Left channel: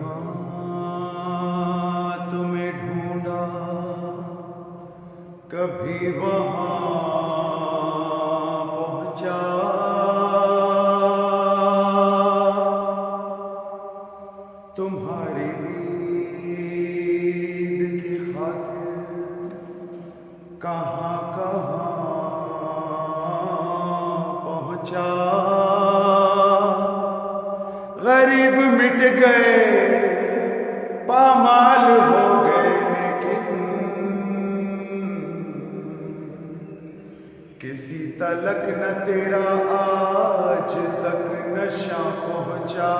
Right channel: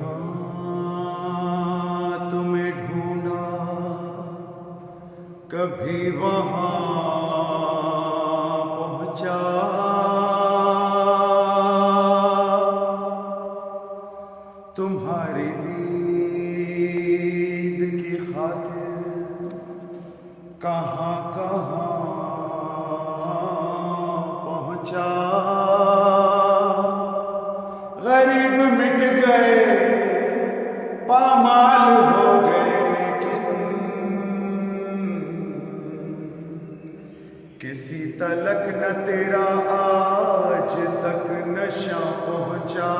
यहाँ तुम्हें ढूंढा, कभी वहाँ पहुँचा। तुम्हारी दीद की खातिर कहाँ कहाँ पहुँचा। गरीब मिट गए, पामाल हो गए, लेकिन किसी तलक न तेरा आज तक नशा पहुँचा।